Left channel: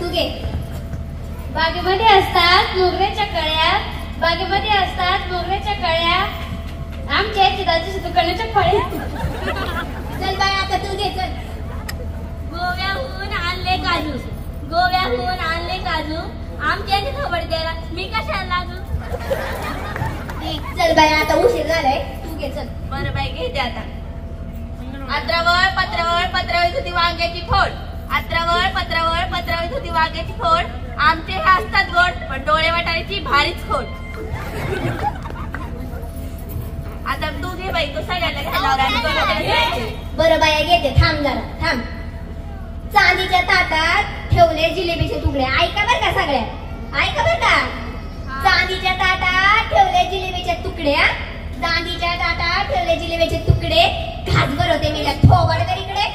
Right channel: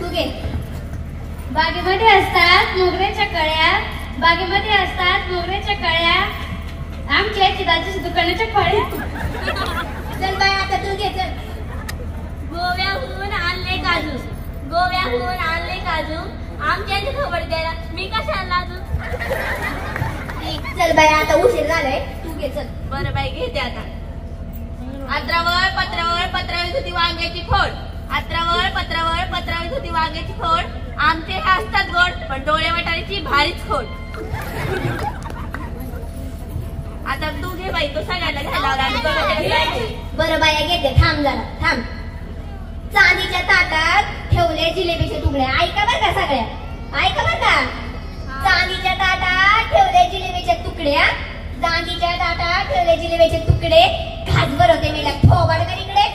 तू घे. बागेमध्ये असतात मोगऱ्याच्या कळ्या, बागेमध्ये असतात मोगऱ्याच्या कळ्या, आमच्या चिराच्या दुकानाच्या कळ्या. चल बाय आता तू घे चल. गोव्याहून आणले काजू, गोव्याहून आणले काजू, आमच्या खबर द्यायला मी कशाला लाजू. चल बाय आता उशीर झालाय, तू घे चल. बरं बाई घेते आता. अत्रावळ पत्रावळ पत्रावळीत होती वांग्याची खोड, अत्रावळ पत्रावळ पत्रावळीत होती वांग्याची खोड, आमचे हे असतात गोड पण डोळे वाटाण्याची भारीच खोड. आता तू घे बाई, तू सगळ्यांना घ्यायला लावला आणि बघायला. बरं बाया घेते, थांब जरा थांब. चांदीच्या ताटात ठेवले जिलेबीचे तुकडे. ऐका बरं का सगळ्या, ऐका बरं का. चांदीच्या ताटात ठेवले जिलेबीचे तुकडे, चांदीच्या ताटात ठेवले जिलेबीचे तुकडे. खास बरं होते मेला थोबाड कर इकडे.